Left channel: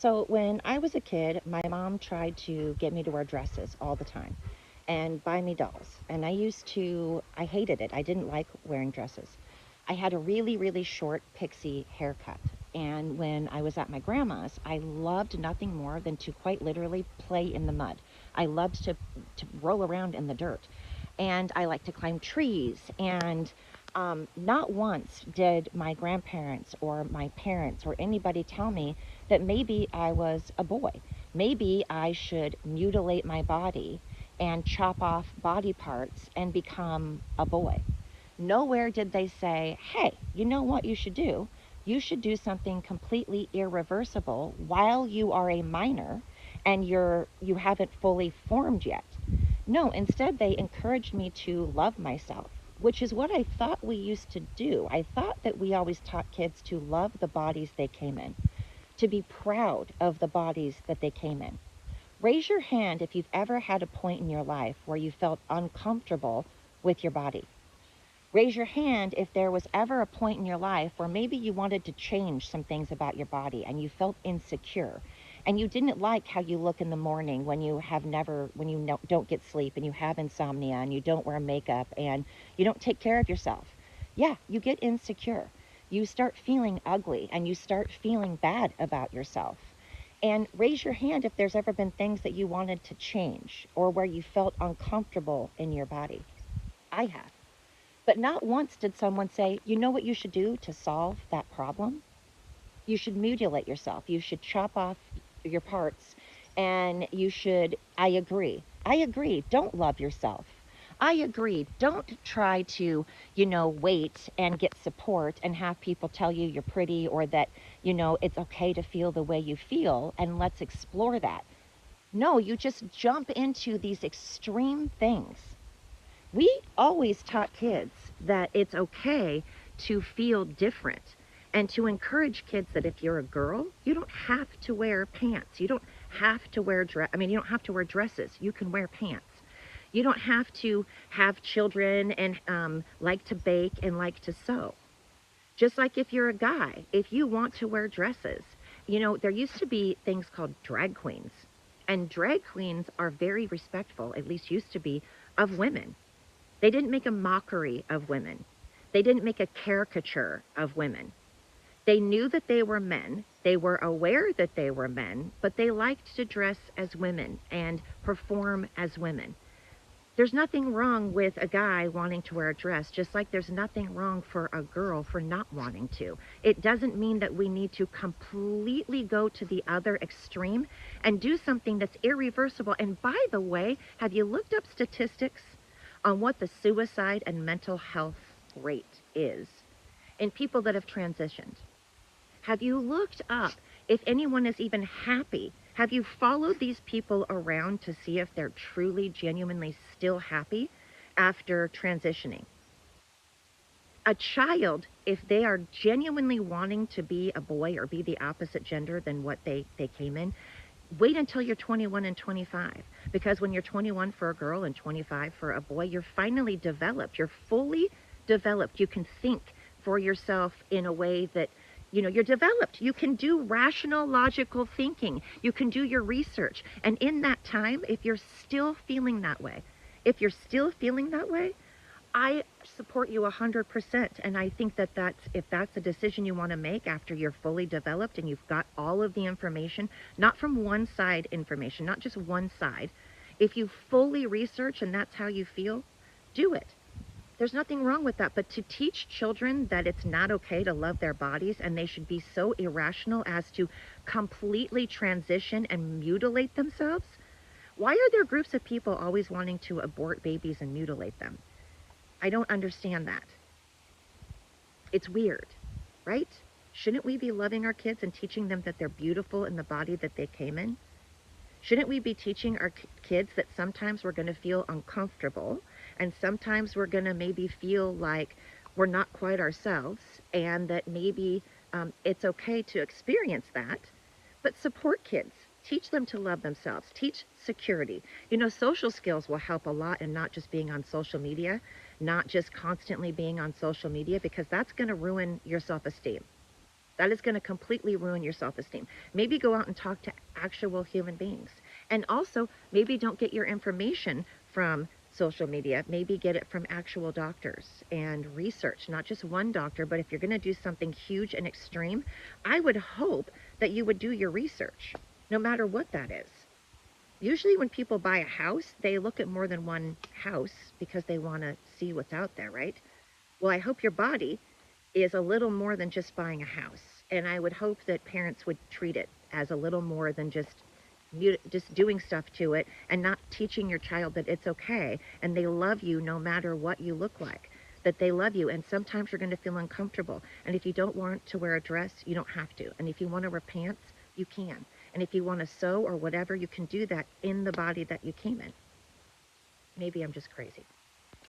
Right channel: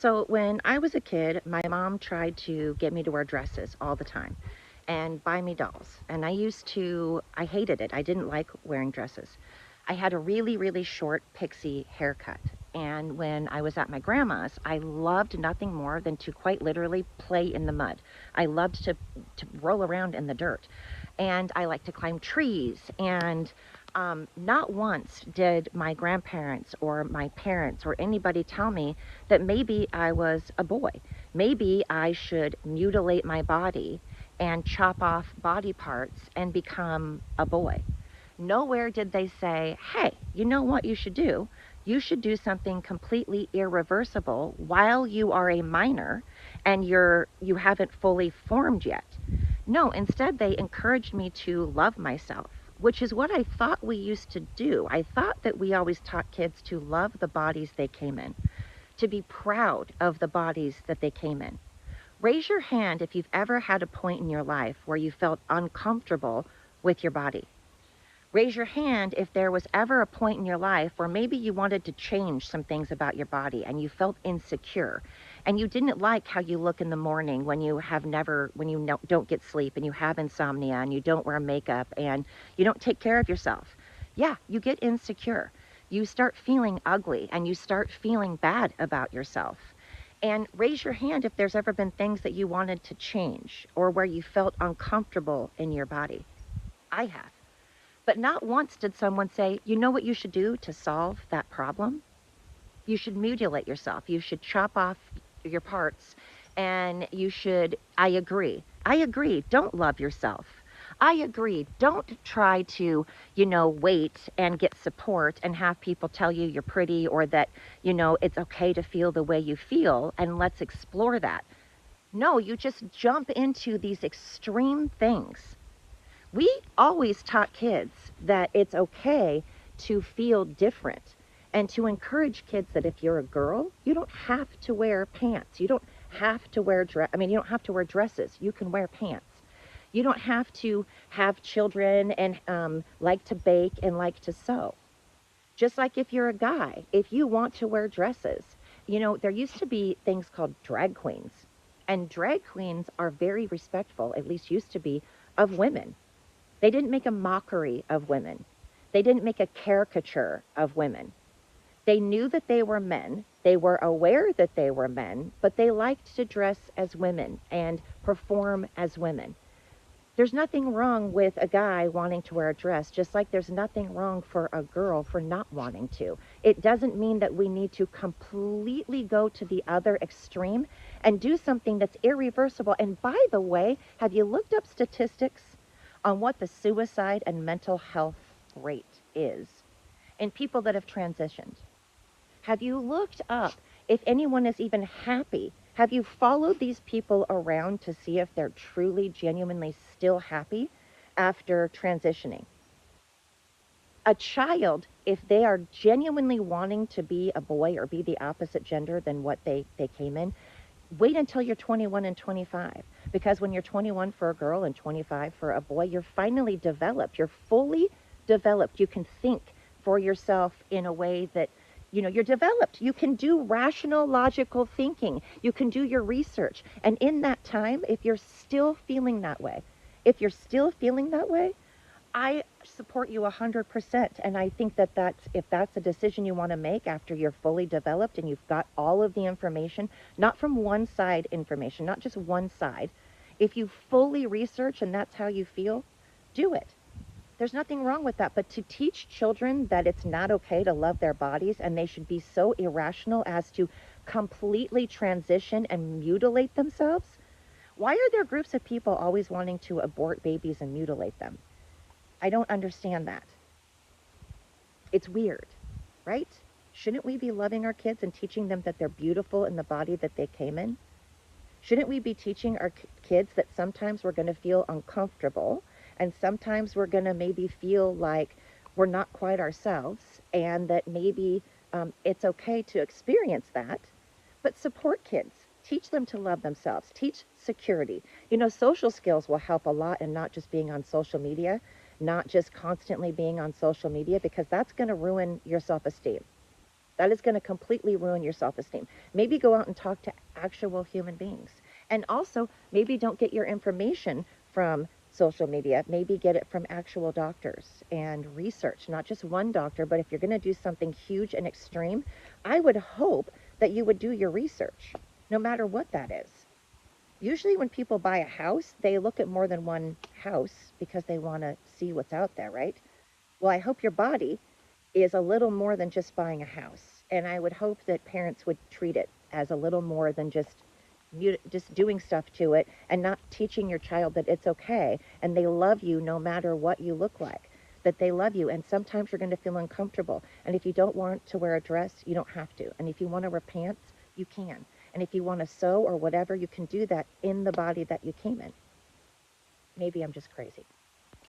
So when I was a kid, my mom tried to get me to wear dresses all the time and buy me dolls. And I hated it. I didn't like wearing dresses. I had a really, really short pixie haircut. And when I was at my grandma's, I loved nothing more than to quite literally play in the mud. I loved to roll around in the dirt. And I liked to climb trees. And not once did my grandparents or my parents or anybody tell me that maybe I was a boy. Maybe I should mutilate my body and chop off body parts and become a boy. Nowhere did they say, hey, you know what you should do? You should do something completely irreversible while you are a minor and you haven't fully formed yet. No, instead they encouraged me to love myself, which is what I thought we used to do. I thought that we always taught kids to love the bodies they came in, to be proud of the bodies that they came in. Raise your hand if you've ever had a point in your life where you felt uncomfortable with your body. Raise your hand if there was ever a point in your life where maybe you wanted to change some things about your body and you felt insecure and you didn't like how you look in the morning when you don't get sleep and you have insomnia and you don't wear makeup and you don't take care of yourself. Yeah, you get insecure. You start feeling ugly and you start feeling bad about yourself. And raise your hand if there's ever been things that you wanted to change or where you felt uncomfortable in your body. I have. But not once did someone say, you know what you should do to solve that problem? You should mutilate yourself. You should chop off your parts and I agree. I agree. Don't love yourself. I agree. Don't try to, wait and get support and have people tell you you're pretty or that, it's okay to feel the way you feel and let's explore that. No, you just jump into these extreme things. We always taught kids that it's okay to feel different and to encourage kids that if you're a girl, you don't have to wear pants. You don't have to wear you don't have to wear dresses. You can wear pants. You don't have to have children and like to bake and like to sew. Just like if you're a guy, if you want to wear dresses, there used to be things called drag queens. And drag queens are very respectful, at least used to be, of women. They didn't make a mockery of women. They didn't make a caricature of women. They knew that they were men. They were aware that they were men, but they liked to dress as women and perform as women. There's nothing wrong with a guy wanting to wear a dress, just like there's nothing wrong for a girl for not wanting to. It doesn't mean that we need to completely go to the other extreme and do something that's irreversible. And by the way, have you looked up statistics on what the suicide and mental health rate is in people that have transitioned? Have you looked up if anyone is even happy? Have you followed these people around to see if they're truly, genuinely still happy after transitioning? A child, if they are genuinely wanting to be a boy or be the opposite gender than what they came in, wait until you're 21 and 25. Because when you're 21 for a girl and 25 for a boy, you're finally developed. You're fully developed. You can think for yourself in a way that you're developed. You can do rational, logical thinking. You can do your research. And in that time, if you're still feeling that way, I support you 100%. And I think that if that's a decision you want to make after you're fully developed and you've got all of the information, not from one side information, not just one side. If you fully research and that's how you feel, do it. There's nothing wrong with that. But to teach children that it's not okay to love their bodies and they should be so irrational as to completely transition and mutilate themselves, why are there groups of people always wanting to abort babies and mutilate them? I don't understand that. It's weird, right? Shouldn't we be loving our kids and teaching them that they're beautiful in the body that they came in? Shouldn't we be teaching our kids that sometimes we're going to feel uncomfortable and sometimes we're going to maybe feel like we're not quite ourselves and that maybe it's okay to experience that, but support kids. Teach them to love themselves. Teach security. Social skills will help a lot in not just being on social media, not just constantly being on social media, because that's going to ruin your self-esteem. That is going to completely ruin your self-esteem. Maybe go out and talk to actual human beings. And also, maybe don't get your information from social media. Maybe get it from actual doctors and research, not just one doctor, but if you're going to do something huge and extreme, I would hope that you would do your research, no matter what that is. Usually when people buy a house, they look at more than one house because they want to see what's out there, right? Well, I hope your body is a little more than just buying a house. And I would hope that parents would treat it as a little more than just doing stuff to it and not teaching your child that it's okay and they love you no matter what you look like, that they love you. And sometimes you're going to feel uncomfortable. And if you don't want to wear a dress, you don't have to. And if you want to wear pants, you can. And if you want to sew or whatever, you can do that in the body that you came in. Maybe I'm just crazy.